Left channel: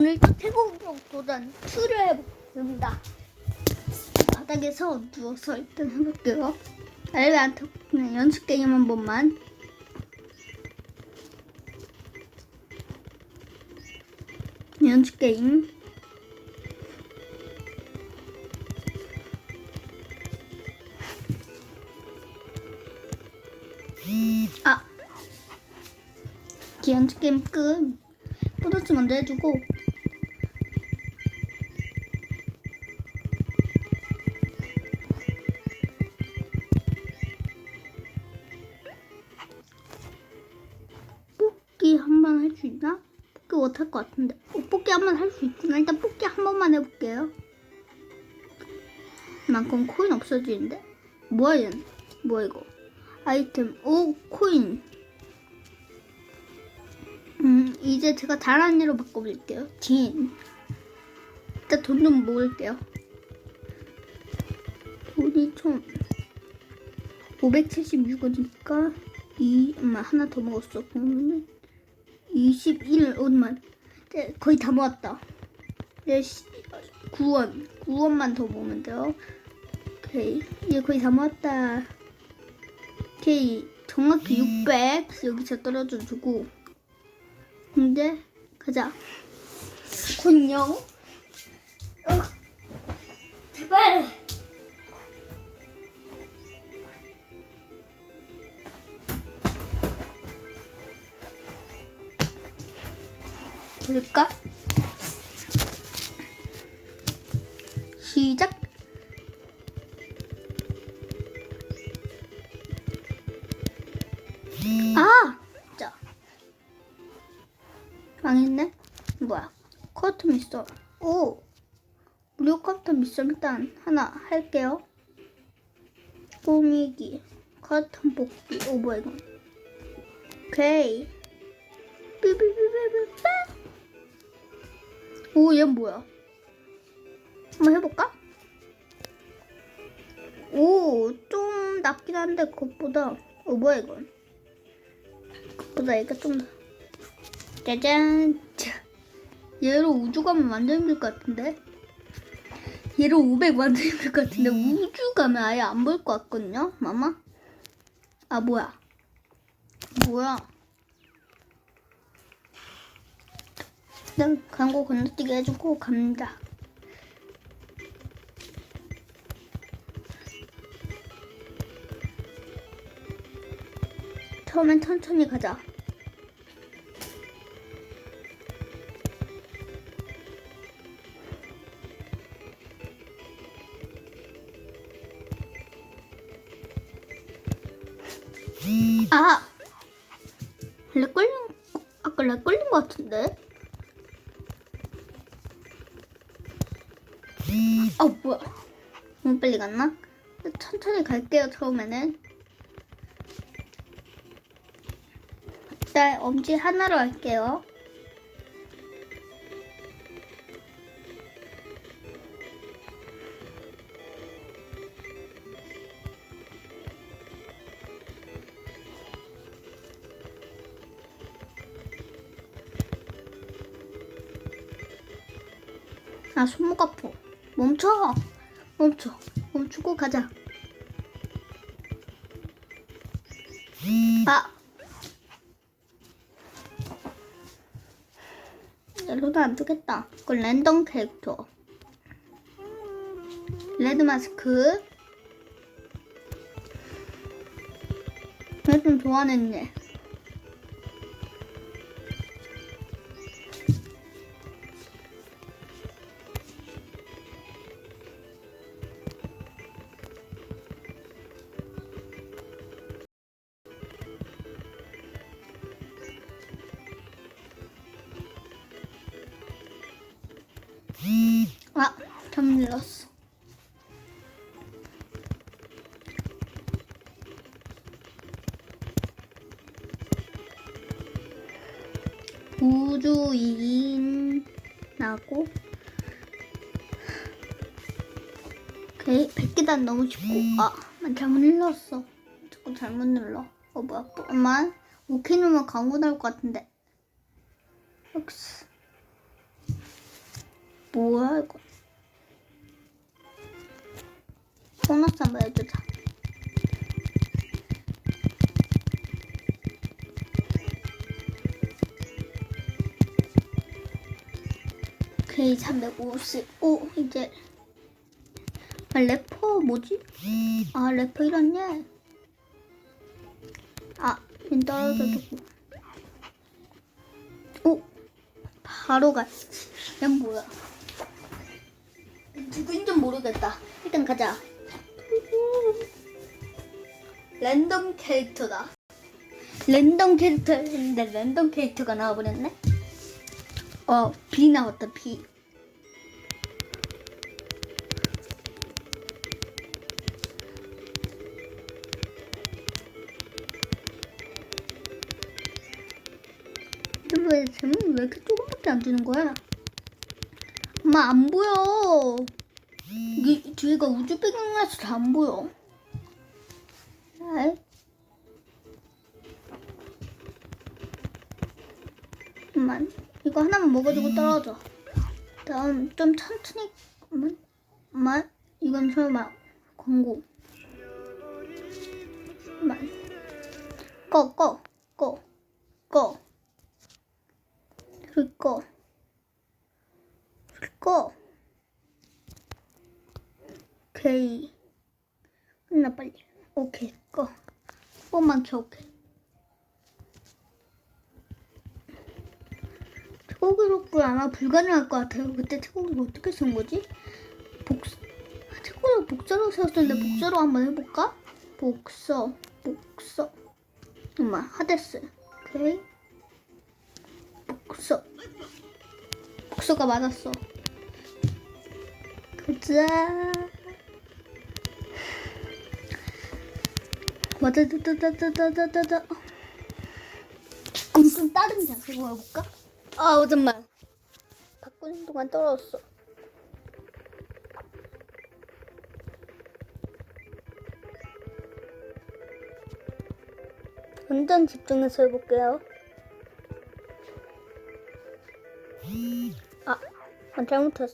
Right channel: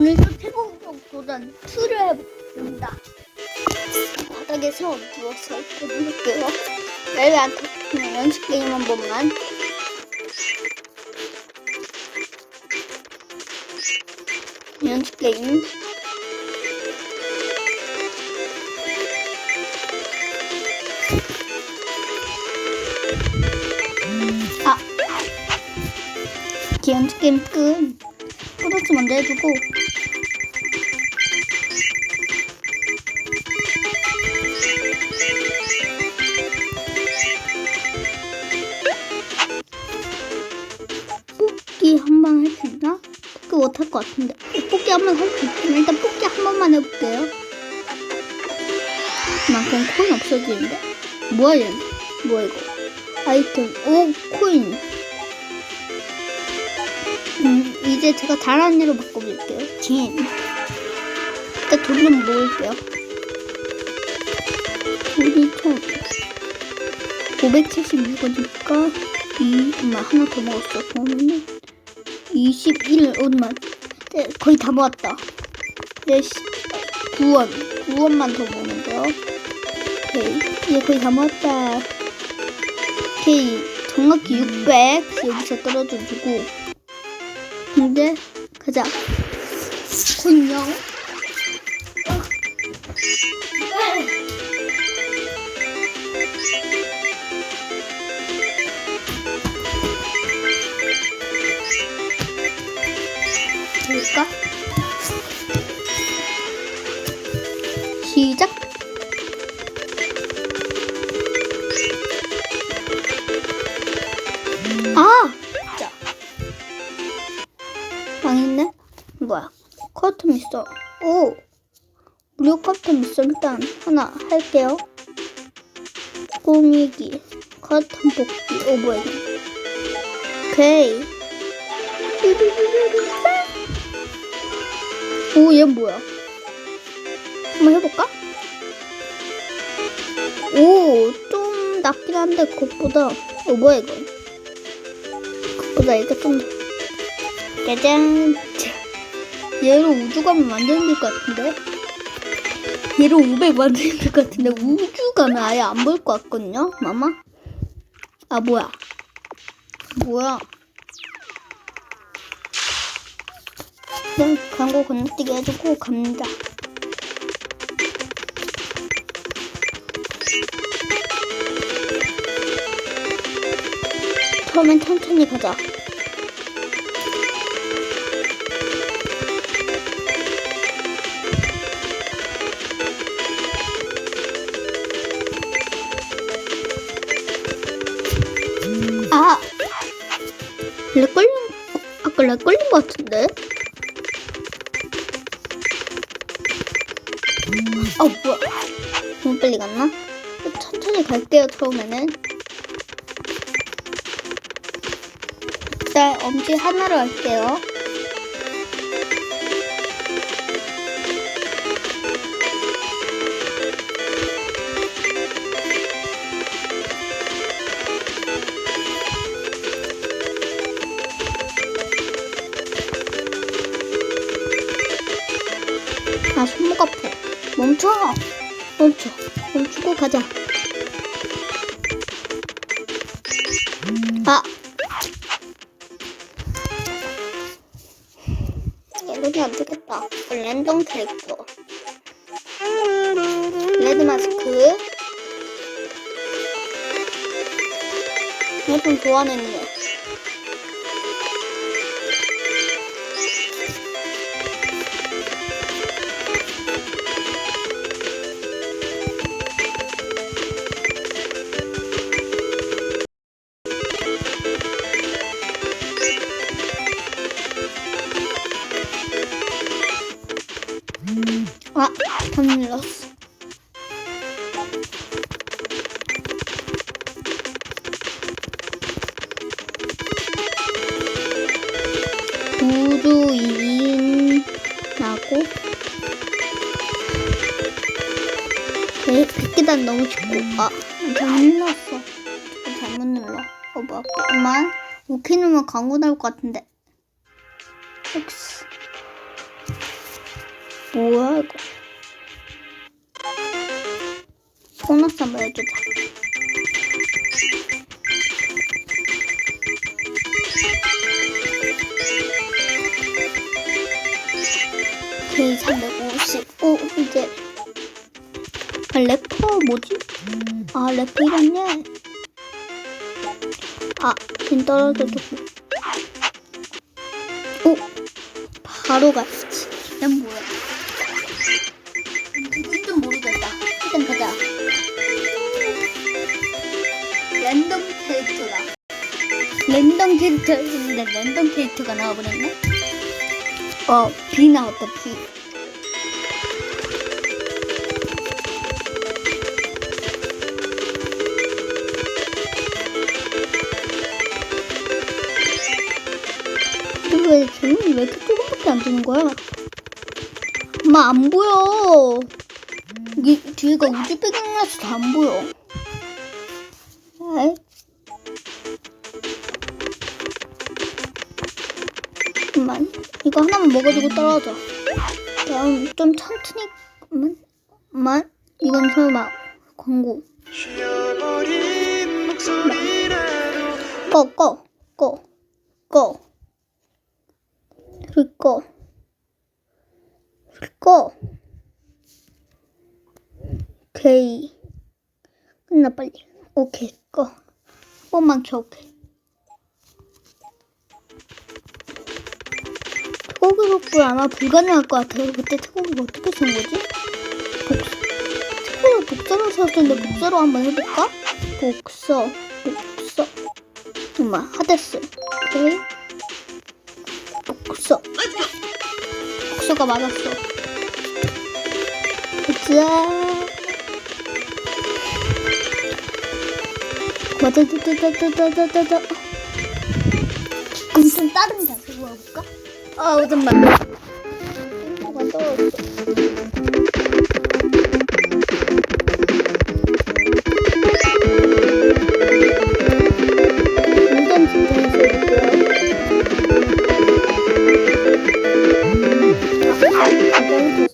오늘도 도전 2를 해봅니다. 바닥에서 누워서 해볼게요. 왜안 터? 그냥 연습 게임 한 번만. 연습 게임. 아, 연습 게임 끝. 플러스 먼저 해주고 뽑기 못할 것 같은데 뽑기 한번 할 수 있지만 일단 뽑기 한 번만 해볼게요 만큼 코인 없어지는데? 뭐야 얘 뭐야 이거 아이템 오 코인 음, 이제 제가 다른 애로 바꿔볼게요. 진. 일단 돈 좀 모을게요. 돈이 총 576원이니까 이 엄마 하나 더 먹었어. 그러면 21 엄마 네, 거의 다 모았다. 네, 9원 9원만 더 모으면 돼요. 오케이 이제 거의 다 모았다. 오케이 정확히 600 여기서 떨어져주고 근데 가자. 안녕. 볼까? 시작. 아, 자. 망했네? 뭐야? 커튼 있어. 오! 무료 커튼 있어. 일단 하나 할게요. 꾸미기. 커튼 뽑기. 오, 뭐야, 이거. 오케이. 오, 얘 뭐야? 한번 해볼까? 오, 좀 낫긴 한데, 그것보다. 오, 뭐야, 이거. 그것보다 이게 좀 더. 짜잔. 자, 얘로 우주감을 만드는 것 같은데? 얘로 500 만드는 것 같은데 우주감을 아예 안 볼 것 같거든요? 마마? 아 뭐야? 뭐야? 그냥 광고 건너뛰기 해주고 갑니다. 처음엔 천천히 가자. 아! 렉 걸린, 아까 렉 걸린 것 같은데? 아, 뭐야. 너무 빨리 갔나? 천천히 갈게요, 처음에는. 일단 엄지 하나로 할게요. 멈춰! 멈춰. 멈추고 가자. 아! 이러면 안 되겠다. 이거 랜덤 캐릭터. 레드 마스크. 좀 좋아하는 얘. 우주 2인 나고 백 100계단 너무 쉽고 아 잘못 눌렀어 잘못 눌러 어 뭐야 잠깐만 오케이 누르면 광고 나올 것 같은데 X 뭐야 이거? 보너스 한번 해주자. 오케이 355 이제 아, 래퍼 뭐지? 아 래퍼 이랬네. 아, 진 떨어져도 오, 바로 갔지. 이건 뭐야? 누군지 모르겠다. 일단 가자. 랜덤 캐릭터다. 랜덤 캐릭터인데 랜덤 캐릭터가 나와버렸네? 어, 비 나왔다, 비. 왜 제목이 왜 이렇게 조금밖에 안 되는 거야? 엄마 안 보여. 이게 뒤에가 우주 배경이라서 다 안 보여. 에이. 이거 하나만 먹어주고 떨어져. 다음 좀 천천히 만, 만 이건 설마 광고. 꺼, 꺼, 꺼, 꺼. 불 꺼. 불 꺼. 오케이. 끝나, 빨리. 오케이, 꺼. 한 번만 켜, 오케이. 복불 아마 불가능할 것 같아요. 그때 태고기가 어떻게 쓴 거지? 복, 태고기 복사로 썼을 텐데 복사로 한번 해볼까? 복서, 복서. 엄마 하데스 오케이 복서 복서가 맞았어 보자 맞아다다다다다다다 아무튼 다른 자세로 해볼까? 아 잠깐만 땡초가 떨어졌어 완전 집중해서 해볼게요 아, 아, 잘못했어.